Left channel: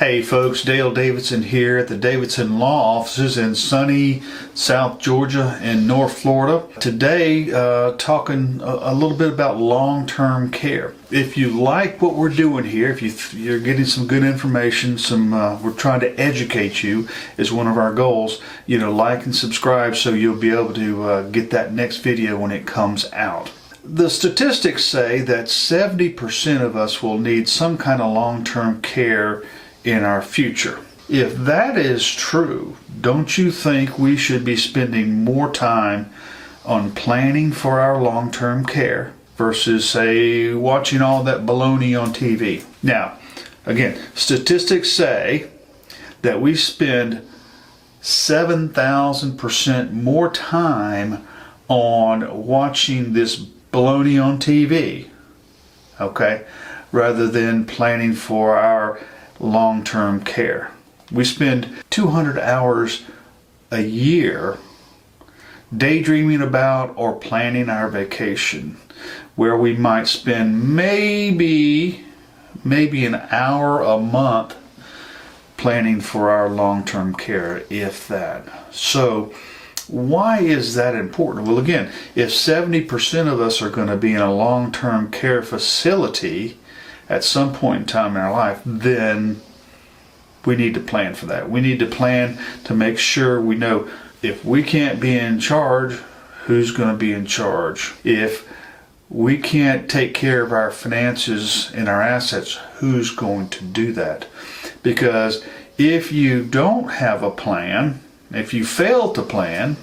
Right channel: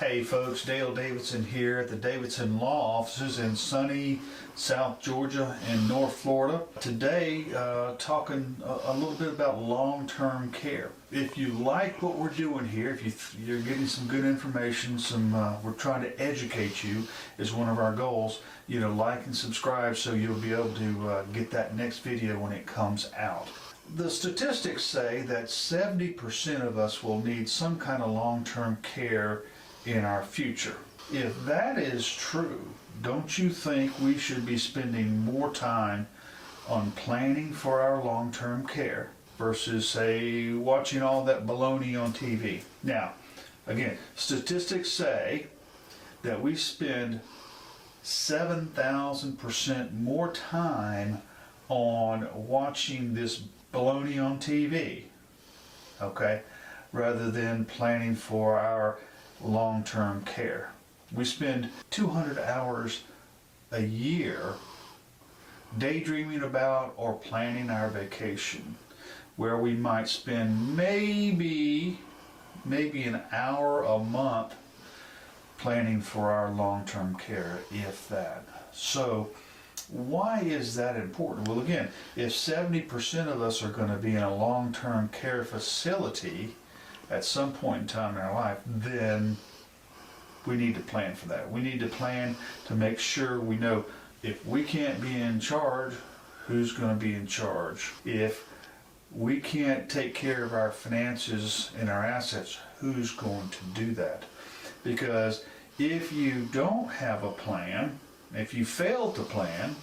Hey folks, Dale Davidson here at the Davidson Law Offices in sunny South Georgia and North Florida. Today, talking a little bit about long-term care. If you like what we're doing here, if you're getting some good information, we're trying to educate you is one of our goals. Like and subscribe so you'll be able to get that next video when it comes out. The statistics say that 70% of us will need some kind of long-term care in our future. If that is true, don't you think we should be spending more time on planning for our long-term care versus, say, watching all that baloney on TV? Now, again, statistics say that we spend 7,000% more time on watching this baloney on TV, okay, rather than planning for our long-term care. We spend 200 hours a year daydreaming about or planning our vacation, where we might spend maybe an hour a month planning for our long-term care, if that. So why is that important? Well, again, if 70% of us are going to be in a long-term care facility at some point in time in our life, then we need to plan for that. We need to plan to make sure we know if we can't be in charge, who's going to be in charge? If we can't take care of our finances and our assets, who's going to do that? Because if you don't have a plan, if you fail to plan,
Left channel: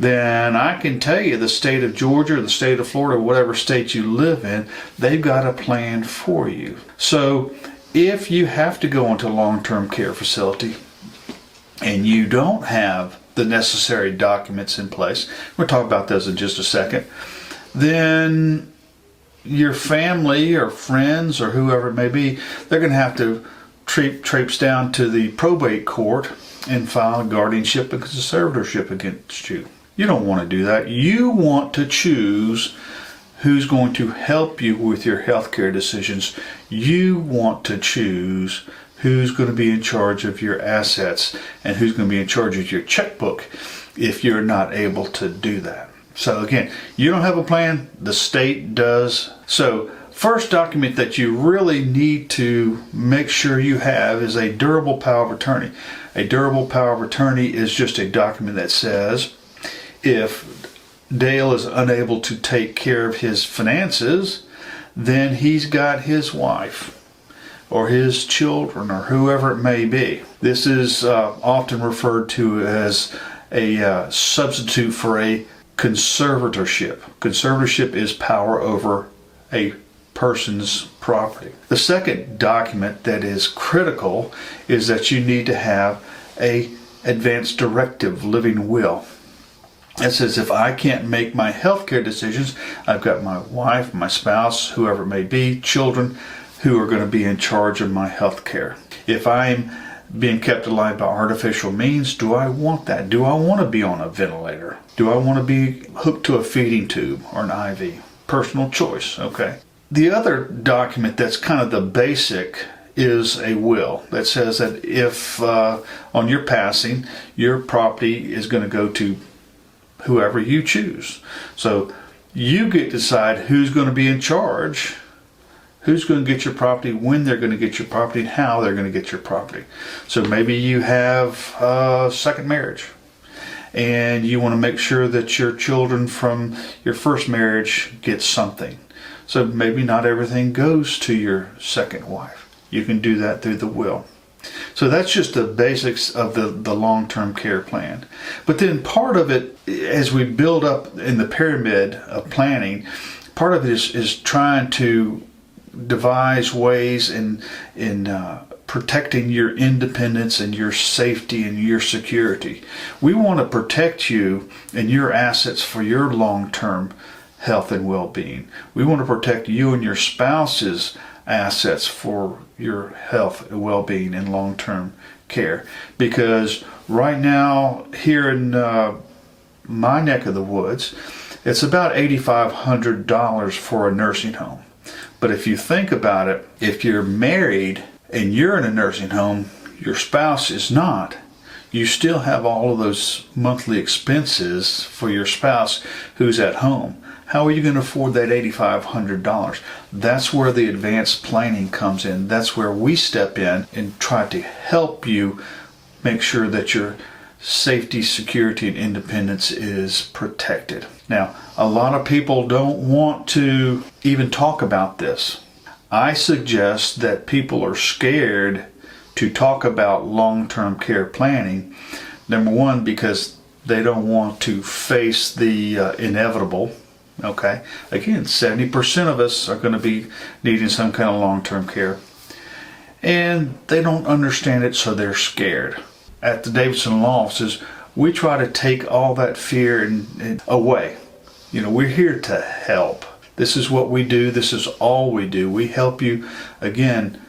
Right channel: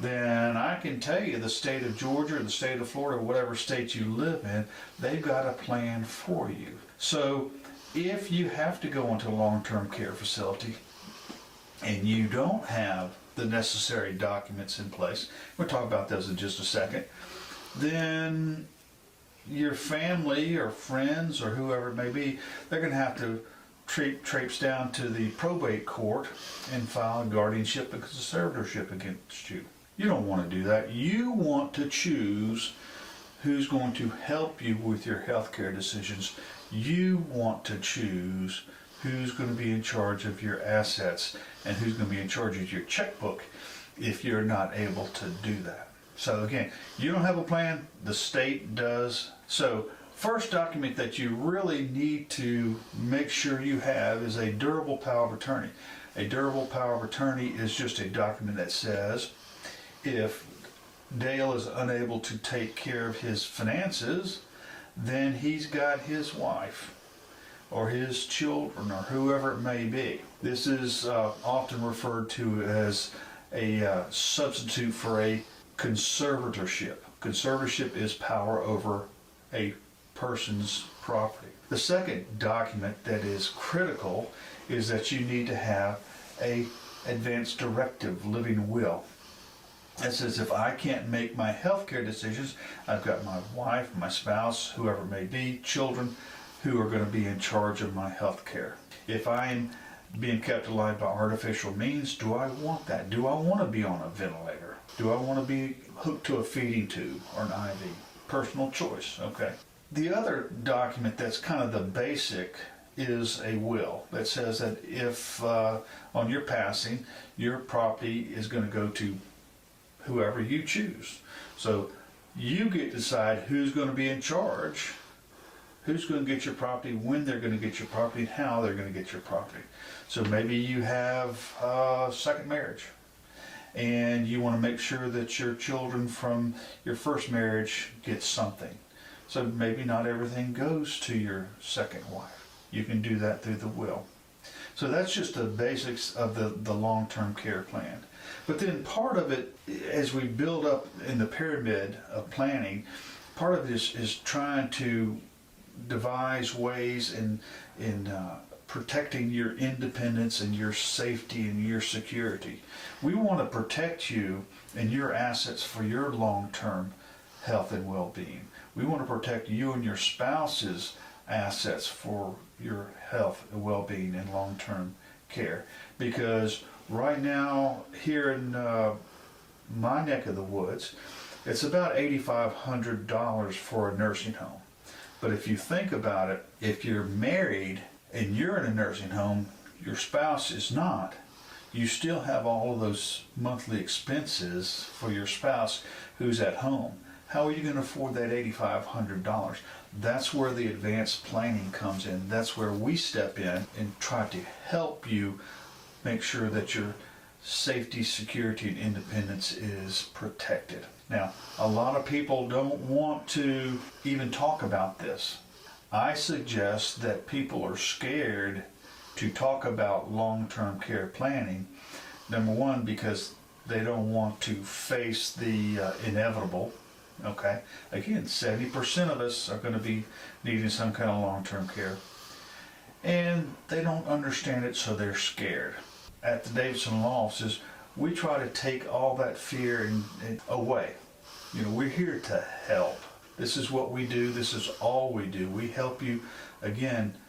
then I can tell you the state of Georgia, the state of Florida, whatever state you live in, they've got a plan for you. So if you have to go into a long-term care facility and you don't have the necessary documents in place, we'll talk about those in just a second, then your family or friends or whoever it may be, they're going to have to traipse down to the probate court and file guardianship and conservatorship against you. You don't want to do that. You want to choose who's going to help you with your healthcare decisions. You want to choose who's going to be in charge of your assets and who's going to be in charge of your checkbook if you're not able to do that. So again, you don't have a plan, the state does. So first document that you really need to make sure you have is a durable power of attorney. A durable power of attorney is just a document that says if Dale is unable to take care of his finances, then he's got his wife or his children or whoever it may be. This is often referred to as a substitute for a conservatorship. Conservatorship is power over a person's property. The second document that is critical is that you need to have a advance directive living will. It says if I can't make my healthcare decisions, I've got my wife, my spouse, whoever it may be, children who are going to be in charge of my healthcare. If I'm being kept alive by artificial means, do I want that? Do I want to be on a ventilator? Do I want to be hooked to a feeding tube or an IV? Personal choice, okay. The other document that's kind of the basic is a will that says that if on your passing, your property is going to go to whoever you choose. So you get to decide who's going to be in charge, who's going to get your property, when they're going to get your property, and how they're going to get your property. So maybe you have a second marriage and you want to make sure that your children from your first marriage get something. So maybe not everything goes to your second wife. You can do that through the will. So that's just the basics of the long-term care plan. But then part of it, as we build up in the pyramid of planning, part of it is trying to devise ways in protecting your independence and your safety and your security. We want to protect you and your assets for your long-term health and well-being. We want to protect you and your spouse's assets for your health and well-being and long-term care, because right now here in my neck of the woods, it's about $8,500 for a nursing home. But if you think about it, if you're married and you're in a nursing home, your spouse is not, you still have all of those monthly expenses for your spouse who's at home. How are you going to afford that $8,500? That's where the advanced planning comes in. That's where we step in and try to help you make sure that your safety, security, and independence is protected. Now, a lot of people don't want to even talk about this. I suggest that people are scared to talk about long-term care planning. Number one, because they don't want to face the inevitable. Okay, again, 70% of us are going to be needing some kind of long-term care, and they don't understand it, so they're scared. At the Davidson Law Offices, we try to take all that fear and away. You know, we're here to help. This is what we do. This is all we do. We help you, again,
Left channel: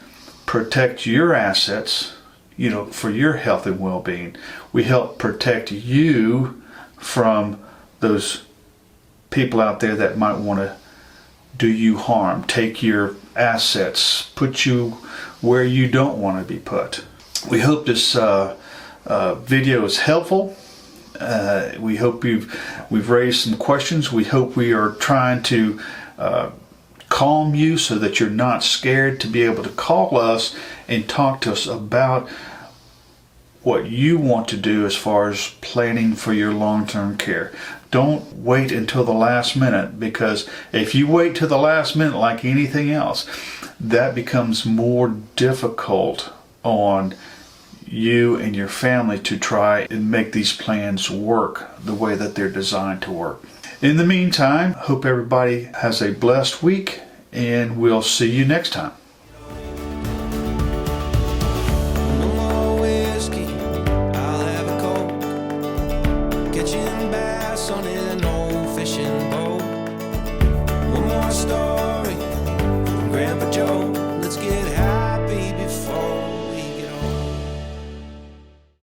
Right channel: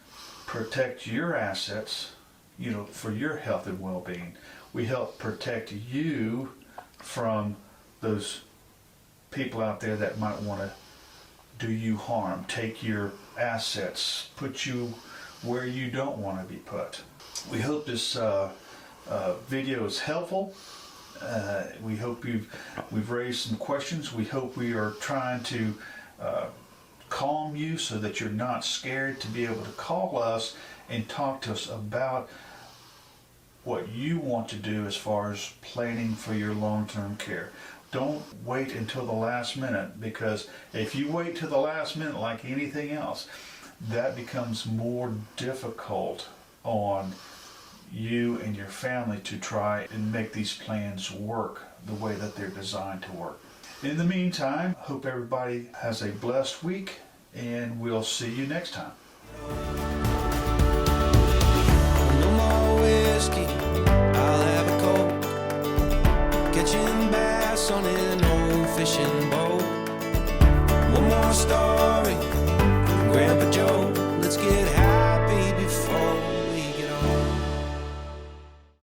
protect your assets, you know, for your health and well-being. We help protect you from those people out there that might want to do you harm, take your assets, put you where you don't want to be put. We hope this video is helpful. We hope we've raised some questions. We hope we are trying to calm you so that you're not scared to be able to call us and talk to us about what you want to do as far as planning for your long-term care. Don't wait until the last minute, because if you wait till the last minute like anything else, that becomes more difficult on you and your family to try and make these plans work the way that they're designed to work. In the meantime, hope everybody has a blessed week, and we'll see you next time. No more whiskey, I'll have a Coke. Catching bass on an old fishing boat. One more story from Grandpa Joe.